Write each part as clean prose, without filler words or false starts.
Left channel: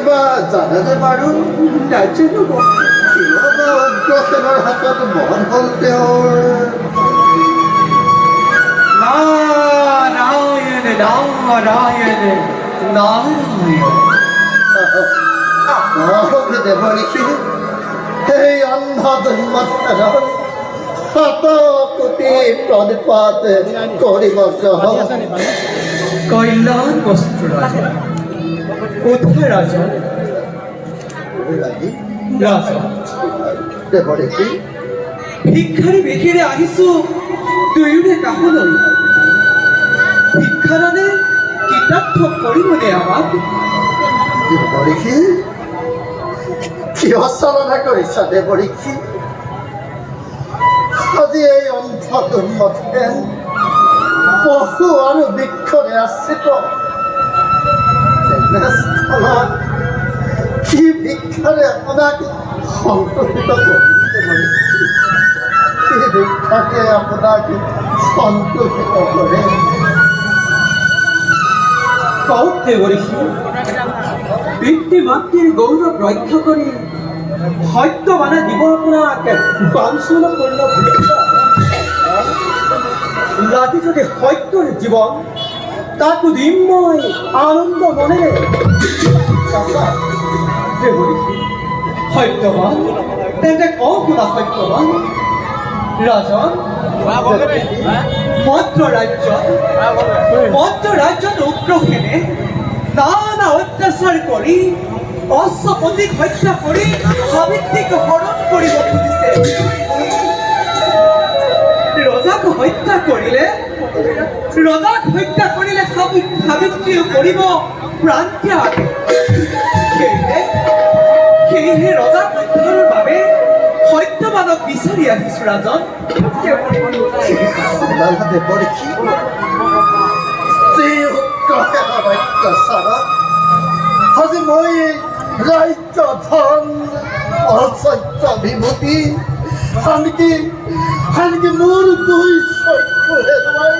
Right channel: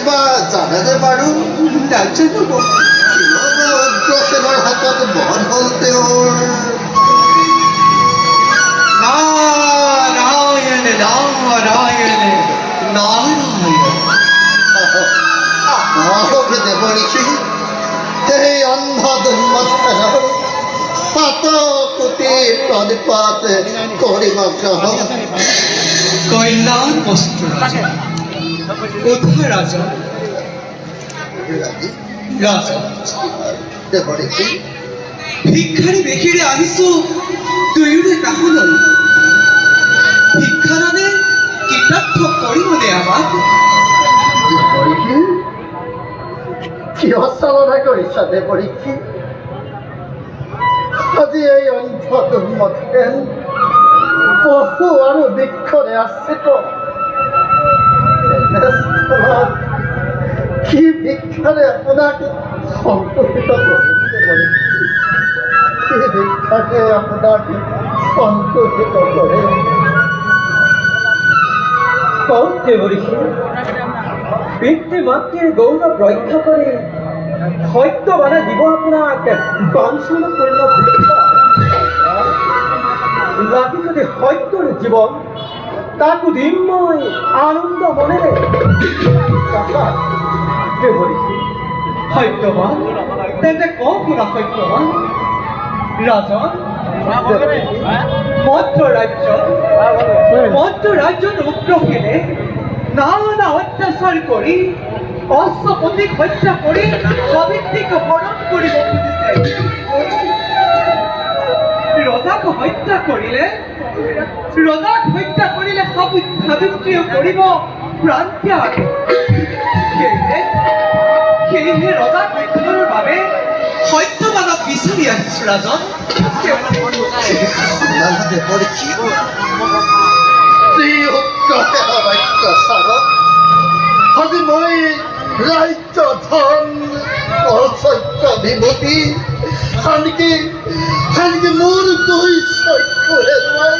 কিবা জানেনে বাৰু? নাজানো উগ্ৰসেনৰ হাতত মহৎ হ'ল তেওঁৰ। নাৰায়ণ নাৰায়ণ নাৰায়ণ। আহক দেৱঋষি, সেই অন্ধ দুৰ্মথনৰ শতকোটি প্ৰণিপাত কৰিব গ্ৰহণ। কল্যাণ বস্তু ৰাজা, কোথায় ৰাজা? ৰাজা দেৱঋষি, ভিক্ষাৰী বেশীৰে আহিছো দুয়োৰে কাষলৈ। ভিক্ষা মানে কৃতাৰ্থ কৰিবনে আমাক? দেৱঋষি, কিয় চালনা কৰিছা দেৱঋষি? আজি এই অন্ধ দুৰ্মথেন পশু আৰু বৃক্ষৰে আশ্ৰিত তেনেস্থলত কি ভিক্ষাৰে আপোনাক সন্তোষিত কৰিম দেৱঋষি? কি ভিক্ষাৰে আপোনাক সন্তোষিত কৰে? কওক দেৱঋষি, পিতৃ মাতৃৰ গৌৰৱ ৰক্ষা কৰি সত্যবানে দিব আপোনাক বাঞ্ছনাপূৰ্ণ ভিক্ষা। লাগি যদি সত্যৰ জীৱন, তাকো দিম মই আনন্দ মনেৰে। দেৱঋষি সত্যবান, তেন্তে কওঁ শুনা সত্যবান। ৰাজন, মদ্ৰ ৰাজ্যত উগ্ৰসেনে নানা অত্যাচাৰ কৰি অশ্বপতিক হত্যা কৰি সাবিত্ৰীক হৰণ কৰিব খুজিছে। ৰজাক হত্যা কৰিলে সাবিত্ৰীও কৰিব প্ৰাণত্যাগ। সেয়েহে ৰজাক হত্যাৰ বাবে সত্যবানক বিচাৰি আহিছো ৰাজন। দেৱঋষি, যি উগ্ৰসেনৰ অত্যাচাৰত আজি মই ৰাজ্য ধন ঐশ্বৰ্য বিমুখী আনকি মোৰ দুই চক্ষু হেৰুৱাই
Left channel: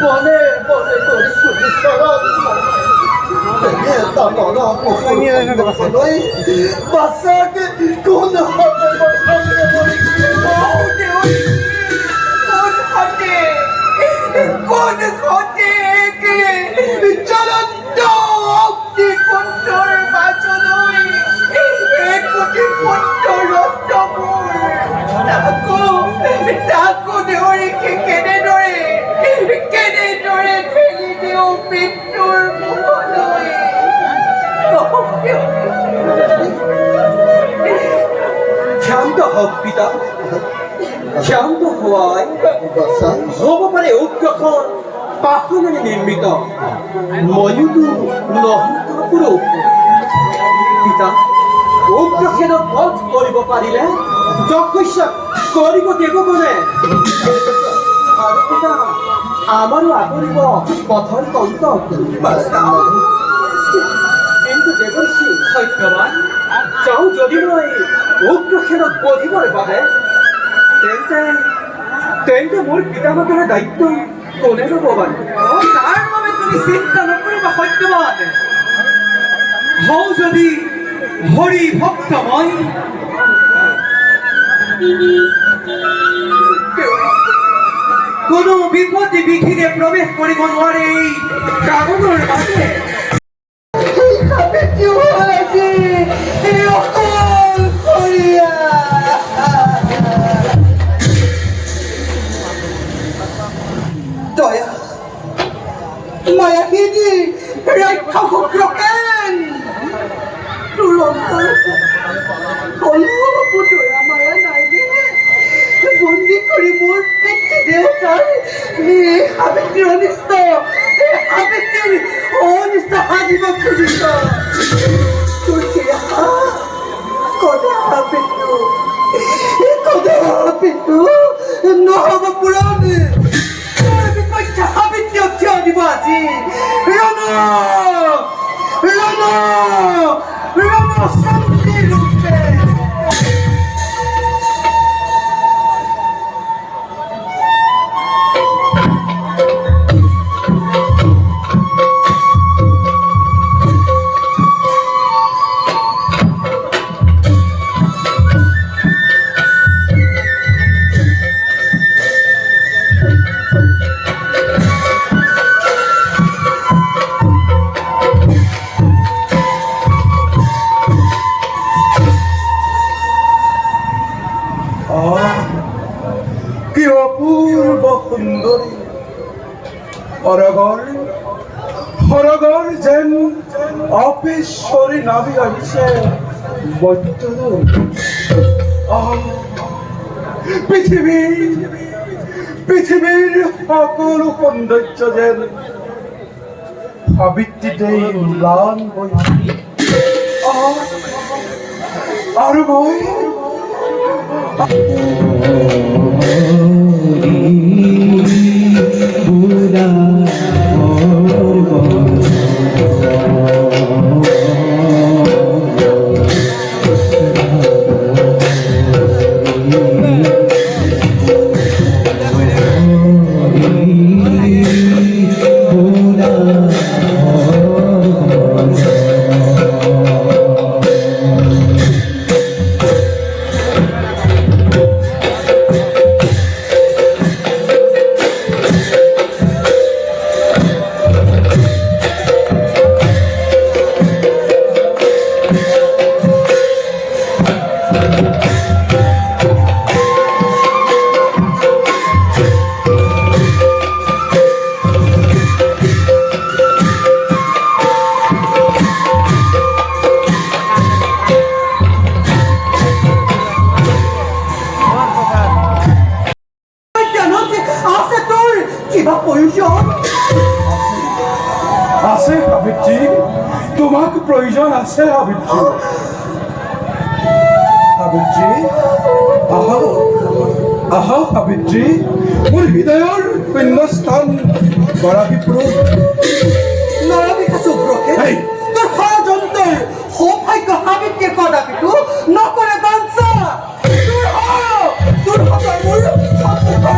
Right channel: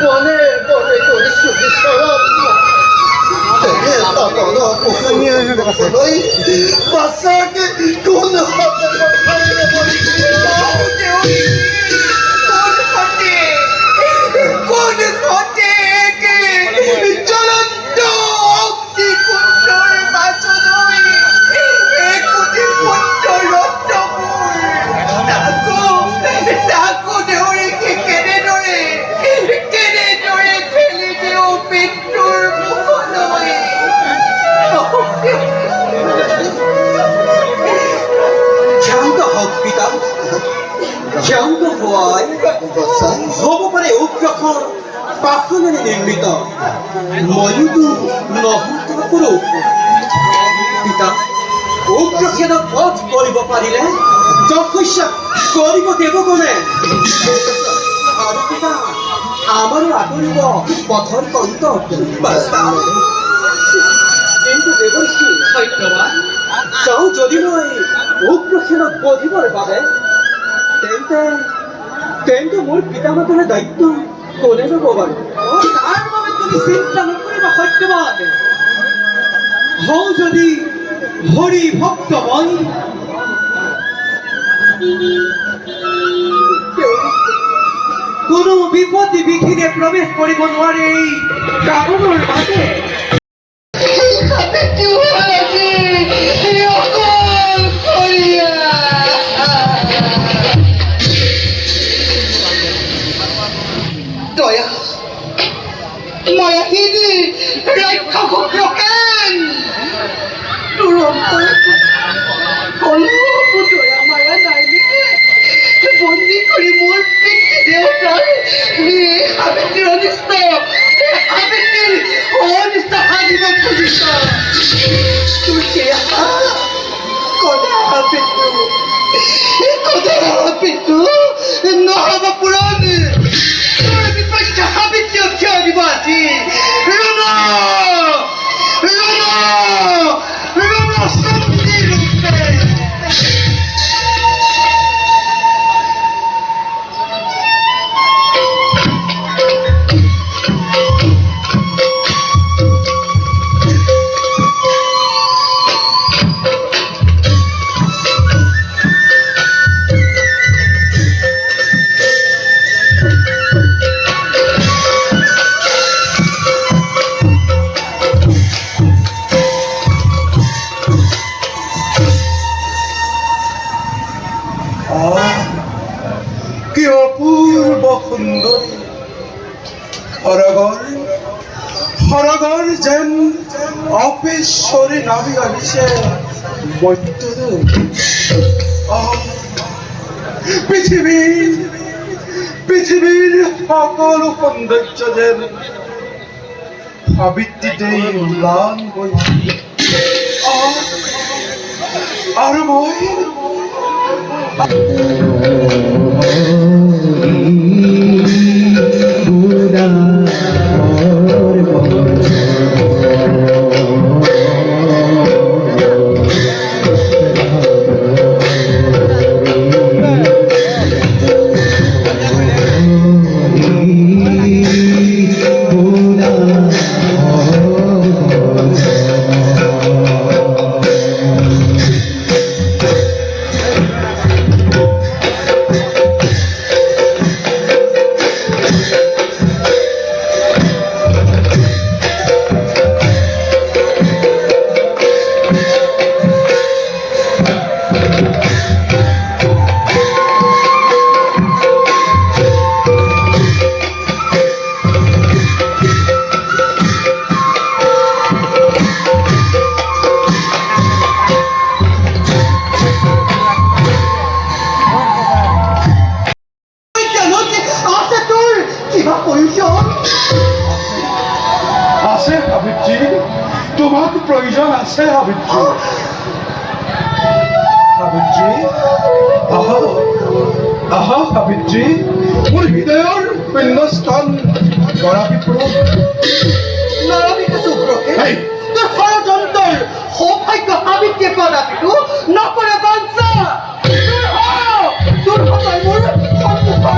বনে বনে কৰিছো বিচৰণ। বাচ্চাকে কোন হাতে জ্বলন্ত অগ্নিকুণ্ডৰ মাজলৈ একোটি কুণ্ড তাকো দেৱঋষি কেনেদৰে ঠেলি দিওঁ মৃত্যুৰ মুখলৈ। শান্ত হওক পিতা, শান্ত হোৱাই হ'ব পাৰে উগ্ৰসৰ পাখনেৰে নিৰ্মিত। ময়োতো নহতপুৰো পিতা, উগ্ৰসেনক বধ কৰিব পাৰিলে যশস্যা কৰিব দেৱগণে। আৰু পিতা, আমাৰো আদৰিব পথৰ কন্ত। কিন্তু দেৱঋষি সত্যবান, চাওঁ যদি মই উগ্ৰসেনক বধিবৰ বাবে, তেন্তে মোৰ পিতামাতাৰ দায়িত্ব কোনে ল'ব বাৰু? তাৰ বাবে তুমি চিন্তা নকৰিবা সত্যবান। হওঁ যদি হৰি ভক্ত মই, কোনো বিপদে বিঘিনে প্ৰৱেশ কৰিব নোৱাৰে এই কামনৰ মাজে। দয়া মায়াহীন ৰাক্ষস উগ্ৰসেন, দয়া মায়া নাইনে বন্দী কৰি মোৰ পিতৃ দেউতাৰ সাবিত্ৰীৰ অনিষ্ট সাধিব খুজিছ। পিতৃ নহব পূৰণ। সাবিত্ৰীক থিয় দিব আজি। শান্তি ৰূপে যেন অপেশ্বৰী নামি আহিছে বৈদ্যনাথ। পৃথিৱীৰ সকলো সৌন্দৰ্য যেন সাবিত্ৰীতেই ম্লান হৈ আৰু মই কিবা প্ৰয়োজন আছে সাবিত্ৰী, তোমাক প্ৰয়োজন আছে সাবিত্ৰী। সাবিত্ৰী আহা আহা সাবিত্ৰী, মোৰ হৃদয়ৰ শূন্যস্থান গৰাকী পূৰণ। নৰবিকা চুব্ৰকে হেই! তোৰ ষড়যন্ত্ৰৰ সৌভাগ্য সাবিত্ৰীয়ে কদাপিতো নকৰে বাঞ্চা। তোৰ হৃদয় মোৰ সন্মুখৰ পৰা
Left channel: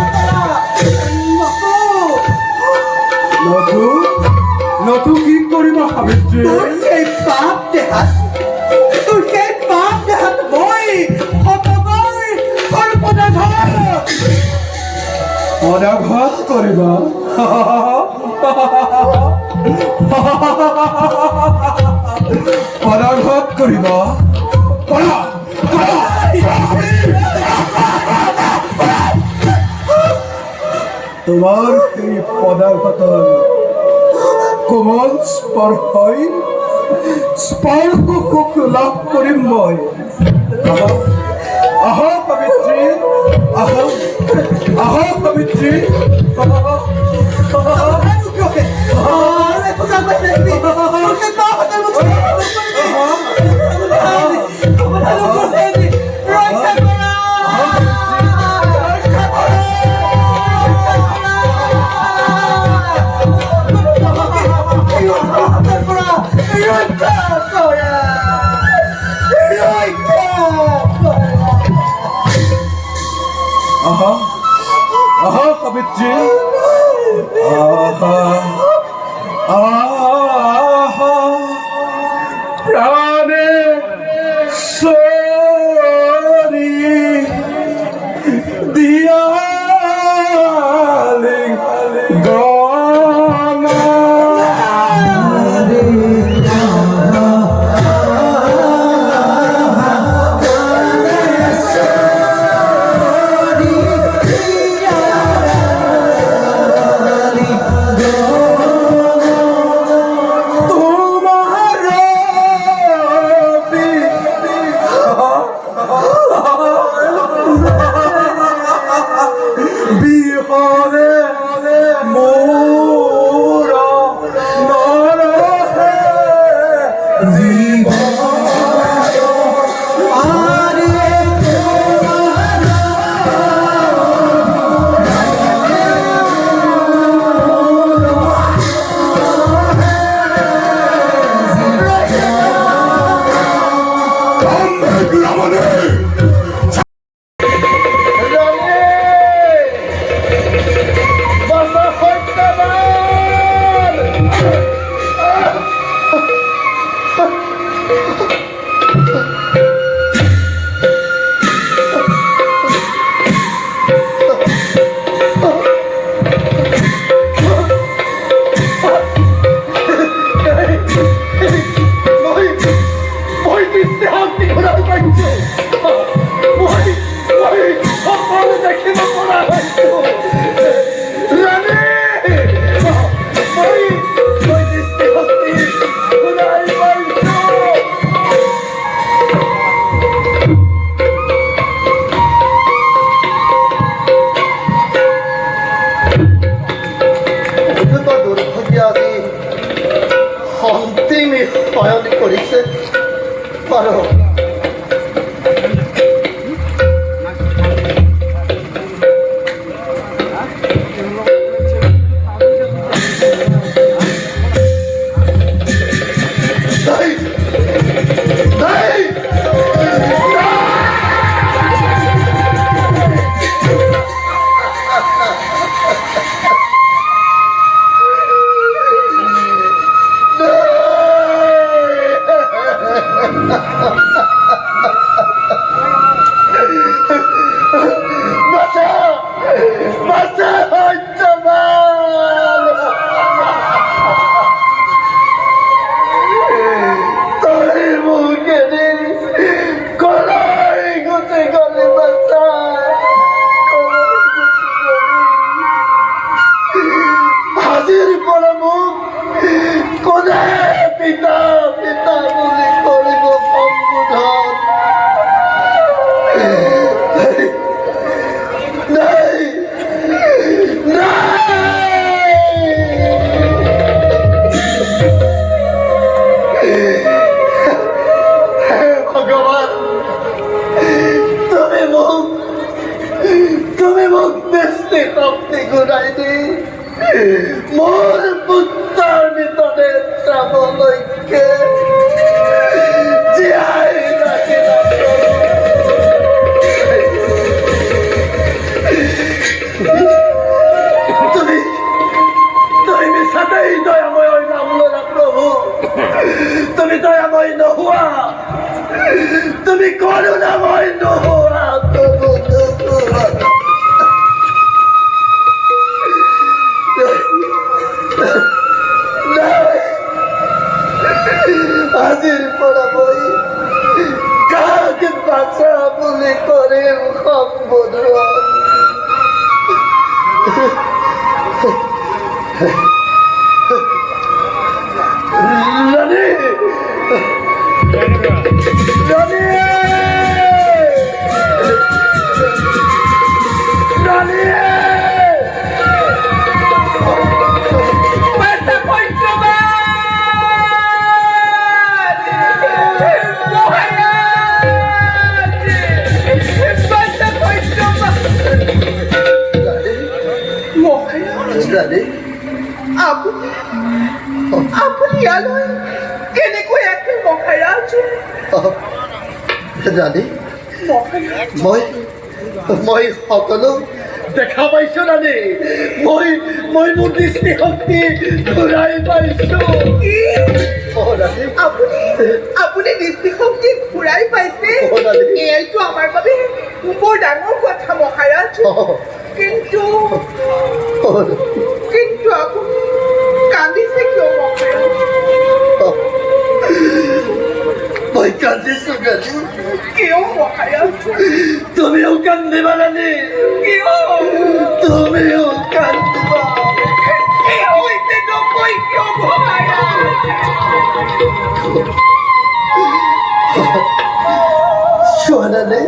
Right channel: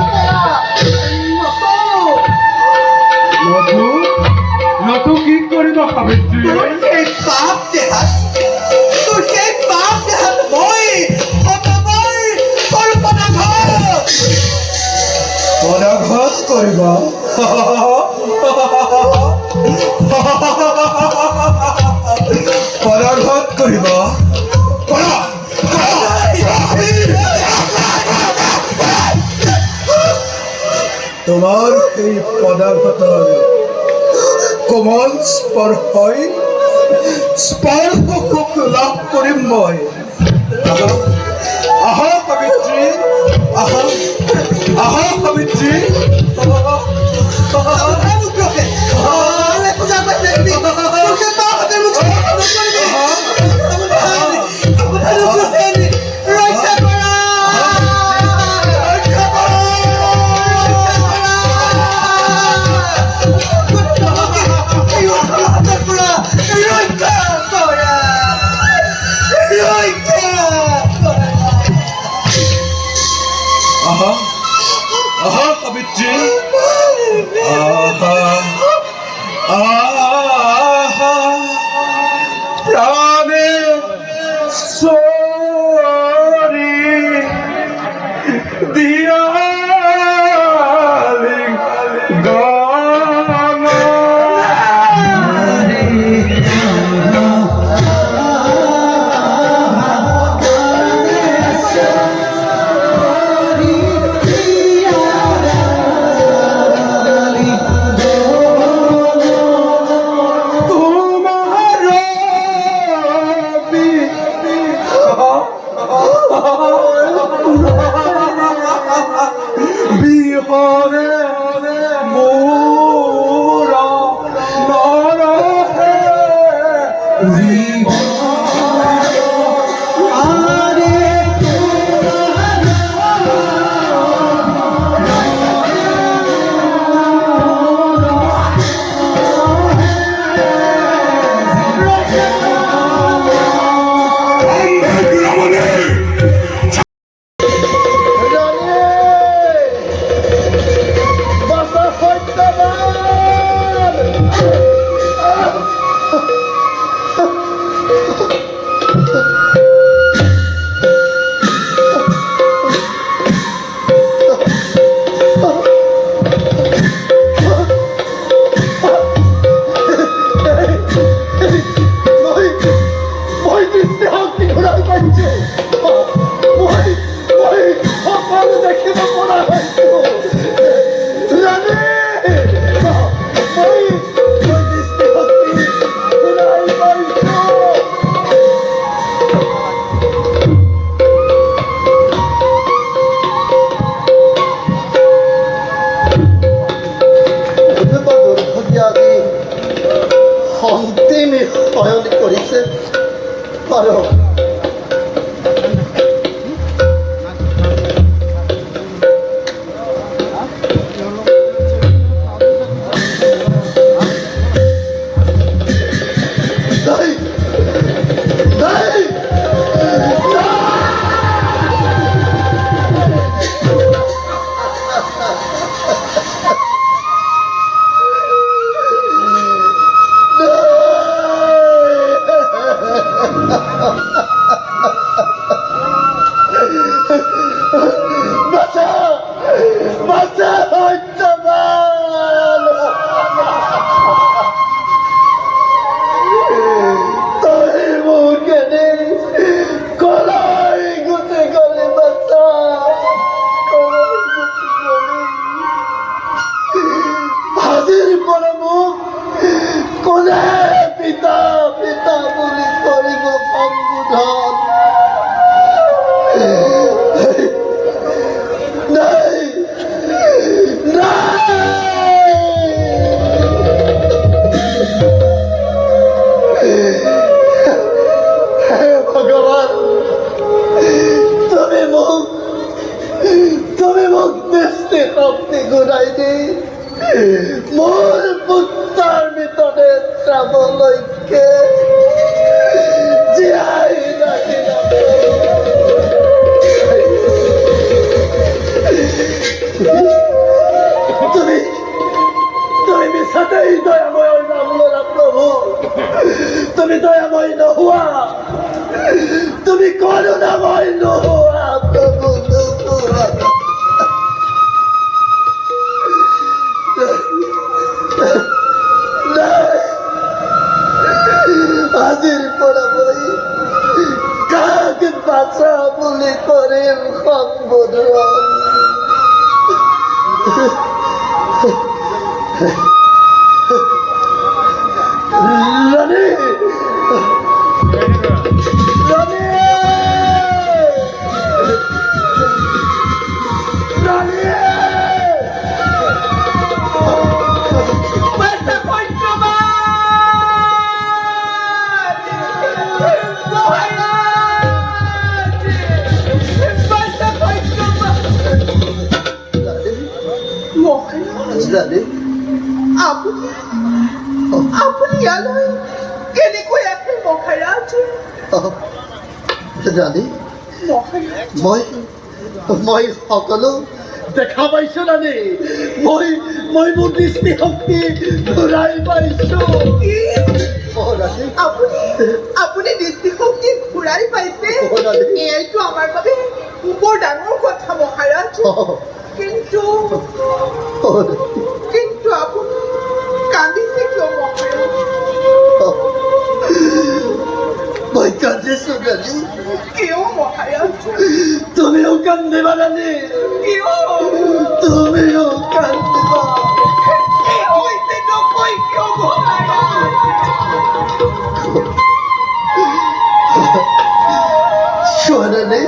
নতু কি কৰিবা সাবিত্ৰী? তোৰ সেই পাপ দেহাত মই অতবাৰ কল্পনাঘাত পদাঘাত কৰিবা? পদাঘাত কৰিবা? কৰা, কৰা। তোমাৰ সেই পদাঘাতৰ কোমল স্পৰ্শই স্পৰ্শ লাভ কৰিম মই। আহা আহা সাবিত্ৰী, আহা আহা সাবিত্ৰী। আহা আহা সাবিত্ৰী, আহা আহা প্ৰাণে চৰি দিয়ালি গান। পারো। নাই, নাই, বাঁচা, বাঁচা, হত্যমান। তোর মুখে কলাই গুতে গলে বাঁচা, কলাই গুতে গলে। হাজির পর মুখ কোনে পিতা পিতা বলে করিব সম্বোধন। নাই, হে ভগবান, তুমি মুখ দেখতে শক্তি ঘুরাইনি মোর পুত্রার ভিতরে শ্রাবলৈকে জিয়াই রাখি তুমি তুমি মিছাতেই দয়াময় নাম ললা প্রভু। তুমি দয়াময় নোহোৱা, তুমি করুণাময় নোহোৱা প্রভু। হাজির পড়া বই কাক বাঁচা বলে করে সম্বোধন। রানী, রানী, রানী, রানী, আপুনি ইয়ালৈ কেনেকৈ আছে মহাৰাজ? ৰানী, মই সকলো দেখা পাইছো ৰানী। মই মোৰ দৃষ্টিশক্তি ঘূৰাই পাইছো। ৰানী, আপুনি দৃষ্টিশক্তি ঘূৰাই পাইছে? ৰানী, এইটো আমাৰ বাবে বৰ ডাঙৰ কথা মহাৰাজ। কিন্তু আপুনি কান্দিছে কিয় মহাৰাজ? মই কান্দিছো ৰানী। কিয় মহাৰাজ? তুমিও কান্দিবা ৰানী, কিয়? তুমিও কান্দিবা। কি হৈছে নকৈ কিয় মহাৰাজ? চোৱা ৰানী,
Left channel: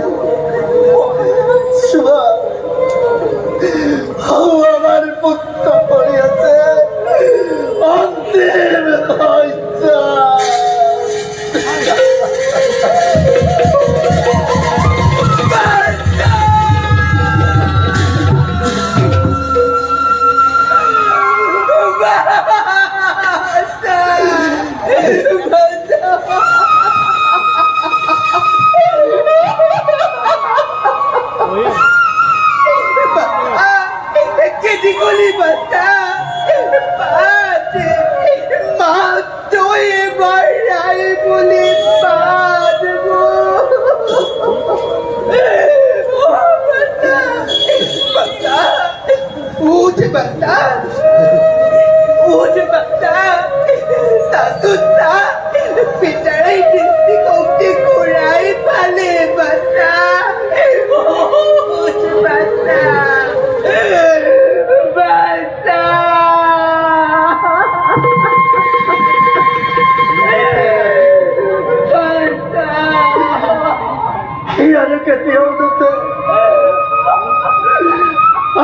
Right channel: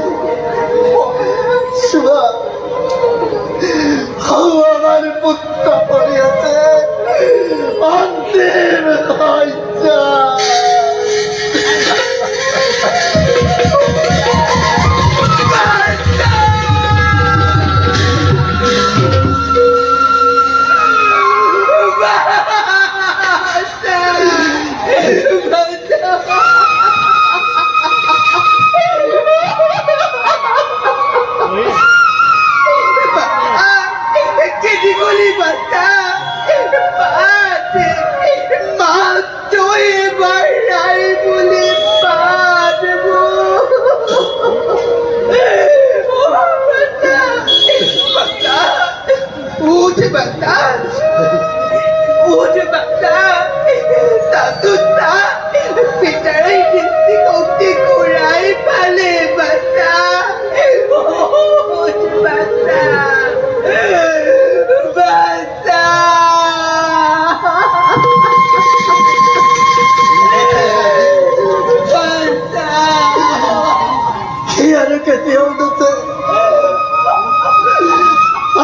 চোৱা, আমার পুত্র পড়িয়াছে অন্তিম হত্যা। Jadi guli bata, bate, matoy baray guli bate mo. Bata, bata, uje bata, satuta, pitaray disi kong kuray pale bata, uje bata.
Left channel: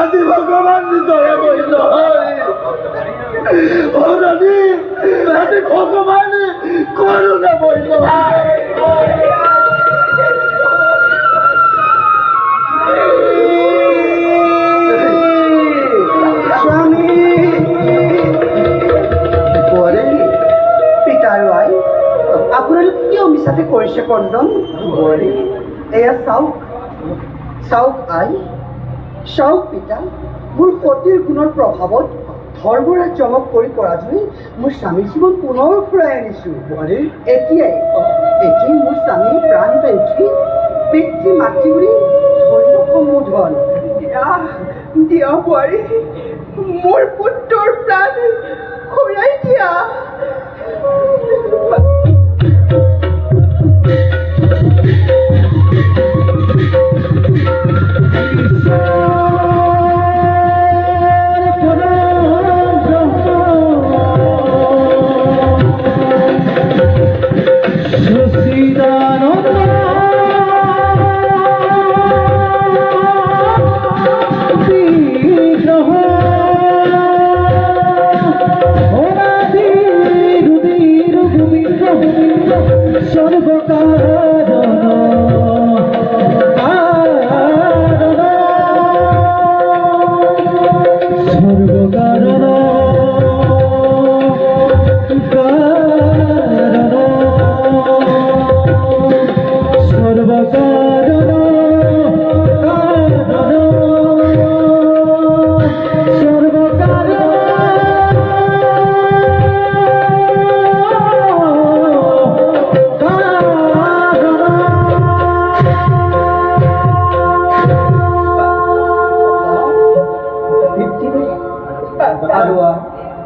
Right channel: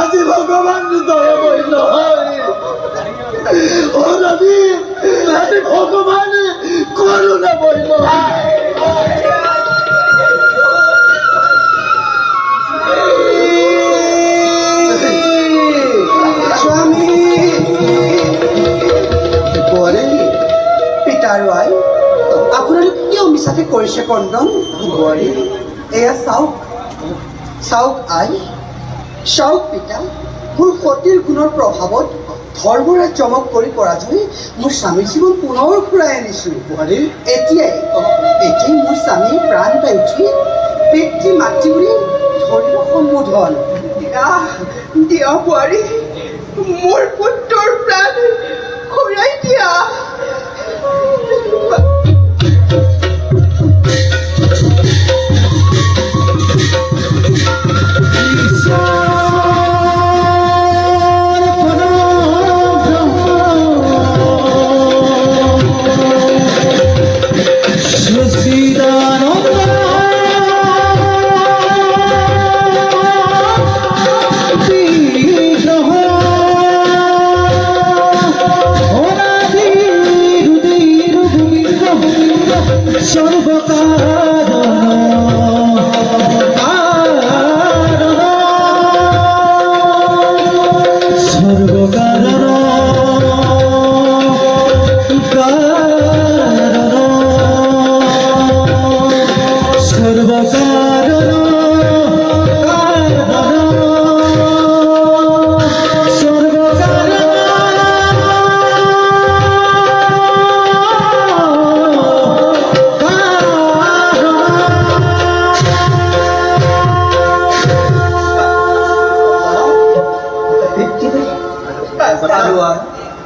আজি ভগবান দয়া করিল ভগবান করুণা বইল। কিয় মিছাতে কৰিছে কন্দন? বোৱাৰী এয়া চাওক, চাওক আই, চাওক পিতা, মোৰ সতীৰ গুণৰ প্ৰভাৱত ধৰ্মৰে চমক কৰি পৰাজয় মোৰ স্বামীৰ জীৱন পুনৰ ঘূৰাই আনিছোঁ। বোৱাৰী এতিয়াই মোৰ স্বামীয়ে প্ৰাণ পাই উঠি পিতৃ মাতৃ বুলি ধৰিব সম্বোধন। দিয়া বোৱাৰী, মোৰ পুত্ৰৰ প্ৰাণ ঘূৰাই দিয়া।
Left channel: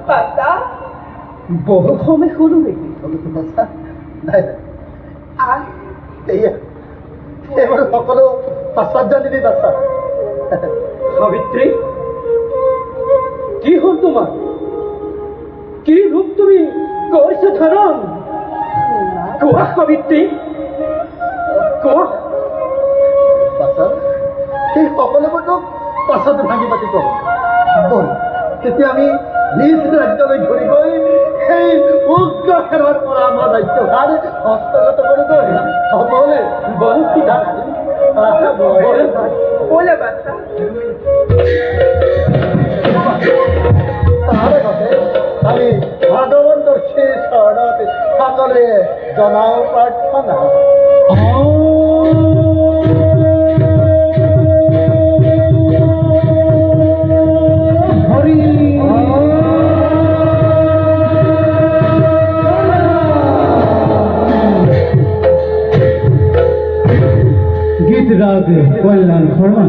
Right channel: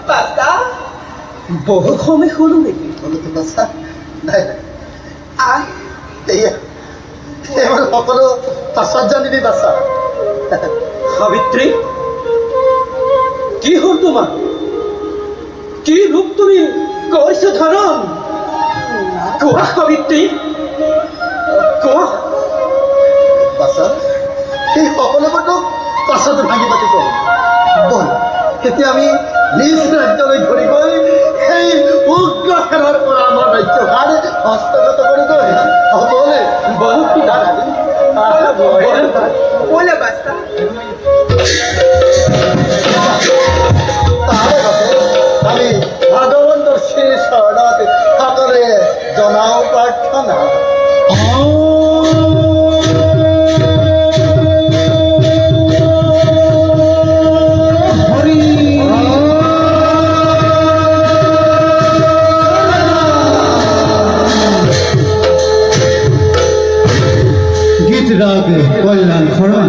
বাছা, বহু সময় হ'লো নেকি? বাছা নাই আই, এয়া এইবোৰ সকলো পাছত জানিবি বাছা। সাবিত্ৰী, কি হ'ল তোমাৰ? কি ৰূপ তুমি কৰিছা ধাৰণ? কোৱা সাবিত্ৰী, কোৱা। বাছা সেই সকলোবোৰতো পাছত ভাঙি পাতি কওঁ। ব'ল তেতিয়া আমি নিজ ৰাজ্যলৈ ঘূৰি গৈ সেই উগ্ৰ সেনাৰ পৰা আমাৰ ৰাজ্যভাৰ হস্তগত কৰি গৈ বলে বল পিঠা বলে বাছা। তাৰ বাবে আমি ভগৱন্তৰ শ্ৰী চৰণত সকলোৱে জনাওঁ প্ৰাৰ্থনা। গীত রাগ কল্যাণ খরণ